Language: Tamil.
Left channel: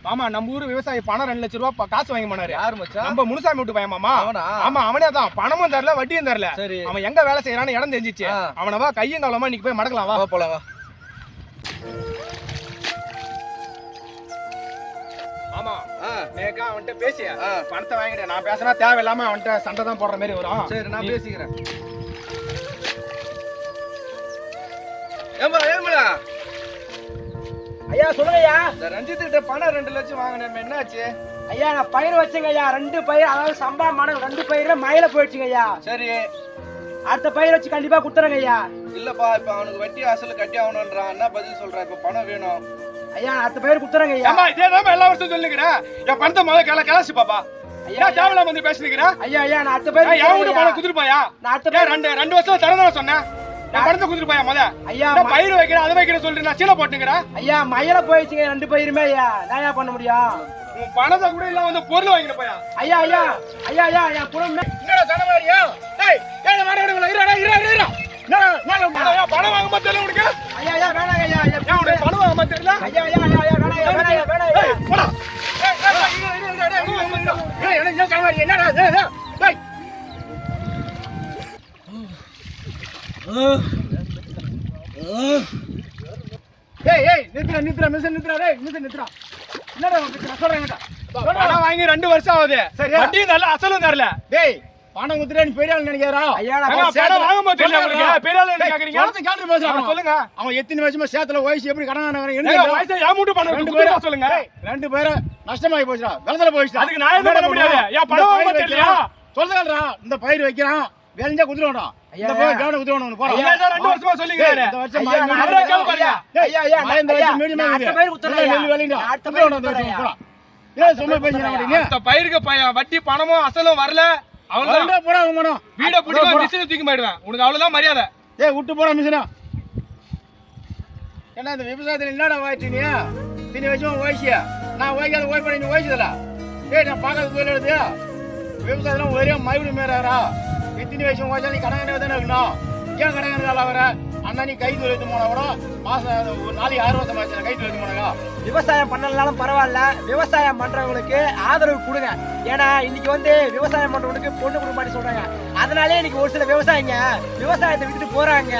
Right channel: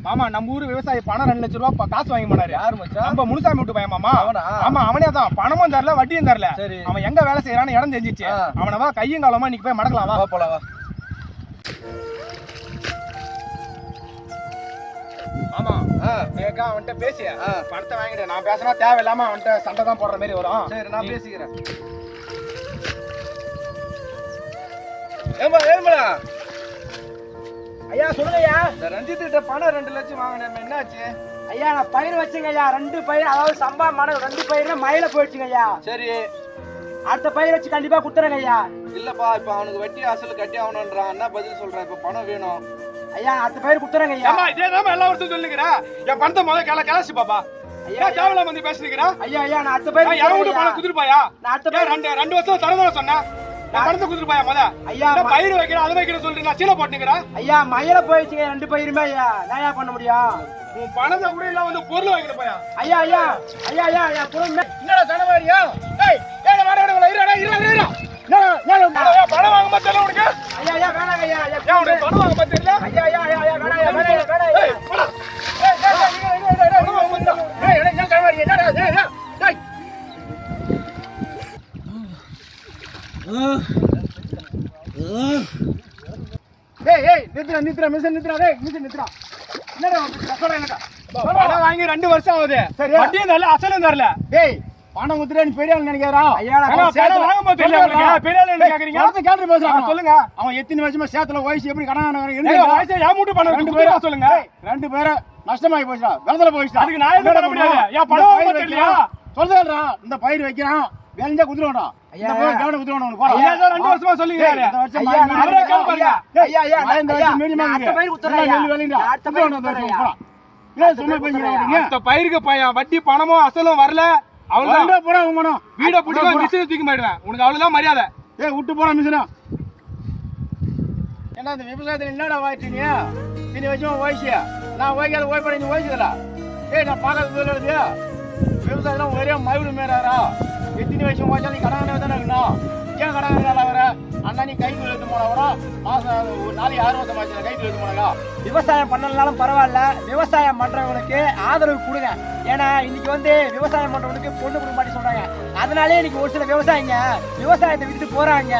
ஆமா நம்ம ஊரு விவசாயி பணம் ரெண்டு லட்ச ரூபா காசு வாங்கி போனாரு. யார் மச்சான்? நம்ம முனுசாமி விட்டு பையன் மாமா. அவனா? ஆமா அவனே தான். பணமும் தரல வட்டியும் தரல. சரி. அவன் எங்க வேலை செய்யறான்னு இடம் தெரிஞ்சிச்சு. அவனவா கையும் காலமா இன்னைக்கு போய் மடக்கலாம் வா. போலாம் வா. ஆமா. நேக்கா அவன்கிட்ட பேசிய. பணத்தை வாங்கிட்டு நான் பேசினா தேவையில்லாம அவன்கிட்ட சண்டை தான் போடுற மாதிரி வரும். சரி நான் பேசிக்கிறேன். ஏம்பா ஏழுமலா ஐயா சொல்லுங்க ஐயா இந்த ரஞ்சித் கிட்ட பணம் ரெண்டு லட்சம் வாங்கினேன் என்னாச்சு? ஐயா நான் பயிர் வச்சுங்க ஐயா ரெண்டு பயிர் அதாவது சம்பளம் மனம் ரெண்டு பயிர்ல மயில போயிடுச்சுங்க ஐயா சரி. அடுத்த பயிர் வச்சு கண்டிப்பா குத்துறேங்க ஐயா இல்லப்பா இப்ப அவனுக்கு வட்டி அசல் கட்டி ஆகணும்ன்றான். என்ன பதில் சொல்றேன் இப்ப பணம் வேணும். ஐயா அடுத்த பயிர் குத்துறேங்க ஐயா இதே தான் எல்லா வருஷம் சொல்லுங்கிற என் பணத்தை முதல்ல கிள கிளச்சி பாப்பா. ஐயா தேவையில்லாம வந்து பேசுனுங்கிற ஐயா ஐயா நான் அடுத்த பயிர் என் வீட்டு பணம். குதிருப்பாயா நான் அடுத்த பயிர் ரெண்டு ரெண்டு வருஷம் தரணும் சொன்னேன். என் பணத்தை குதிருப்பாயா முத? ஐயா பயிர் வைக்கிற அதை வைக்கிற சொல்லிட்டு நான் சீலை போட்டுங்கிற ஐயா மயில போயிடுச்சுங்க ரெண்டு பயிருமே ஐயா. நான் பண்ண முடியும்? உன் பணத்தை கூட இல்லாம வந்து பொருள் வாங்கிட்டு போயா? ஐயா ஐயா ஐயா ஐயா ஐயா புறம் என்னடா தலைவாரியா ஏய் ஏய் மாட விடுங்களா இரு இரு இரு இரு. பணம் வாங்க மாட்டேல உனக்கு? ஐயா ஐயா வேணாங்க ஐயா பணம் வாங்க ஐயா ஐயா ஏய் ஏய் நிறுத்துறா நிறுத்துறா மிஸ் நிறுத்துறா டேய் மிஸ் நிறுத்துறா என்னடா நிறுத்துறா சொல்றேன் பணம் வாங்கி ரெண்டு வருஷம் ஆகுது. சரியா? வட்டியும் தரல அசலும் தரல. டேய் பணம் குத்துறே நீ பெரிய ஆள் நினைக்கிறா வாங்க உங்களுக்கு? பெரிய ஆளு என்ன கேக்குறீங்க? கேட்டு பேசுறான் சொல்லுங்க. அவன் எத்தனை வருஷமா சேத்துல வயசு எப்படி கடன் ஏங்க, வயசு என் மூட்டு பணம் ரெண்டு பேரும் சொல்லுங்க. ரெண்டு பேரும் நஷ்டமாயி போச்சுடா. வெள்ளத்துல போயிடுச்சா அதுக்கு நான் என்ன பண்ண முடியாது? என் பணம் சொல்லுடா இந்த பயிர் வைக்கிறான். வேலைஞ்சா பயிர் கவனம் குத்துறோம் உனக்கு போடா. ஐயா ரெண்டு வருஷமா சொல்லிக்கிறாரு இந்த வருஷம் ஐயா, நான் கேள்வி பாருங்க. ஐயா ஐயா நான் இந்த வருஷம் மீடியமா அடுத்த பயிர் குத்துறேன் ஐயா. அடுத்த பயிர் குத்துறேன் ஐயா. போடா ஏன் சும்மா பேசுறீங்க அடுத்த பயிருக்கு பையன் வட்டி பணமும் அசலும் வரல. அவ்வளவுதான். போடா உமனோ வீட பிடிக்க மிஷின் தூக்கி போயிடுவேன். உனக்கு அவ்வளவுதான் மரியாதை. ஏய் விட்டு போடா மிஷினா. என்ன இந்த விவசாயத்துல என்னடா வாய்ச்சிங்க தினி வச்சும் வயசியா நான் ஓய்க்காத ஓய்ப்பட நீ வயசுதடா ஏய் நான் பார்க்காத தொழில் எழுது விவசாயத்துல ஒரே மறுபடியும் மேறாரா எத்தனை வயசு வாய்ச்சா நீ கடனை தானே இருக்கணும் ஏன் கடனை வேலை வர? அண்ணா நீ கை தொழில் எடுத்து கூட மாசம் ஒரு நாளைக்கு ஆறு வருஷம் ஆச்சு கை தொழில் போனாக்கா விவசாயம் பண்ணலனாலும் பரவாயில்ல. விவசாயம் பண்றவங்களுக்கு ஆதரவு கொடுங்க. ஏன்னா இன்னைக்கு வந்து விவசாயம் பண்றவங்களுக்கு பொண்ணு கொடுக்க மாட்டேன்னு சொல்றாங்க. அதனாலே இன்னைக்கு ஒரு சில விவசாயிங்க விவசாயத்தை விட்டுட்டு போறாங்க.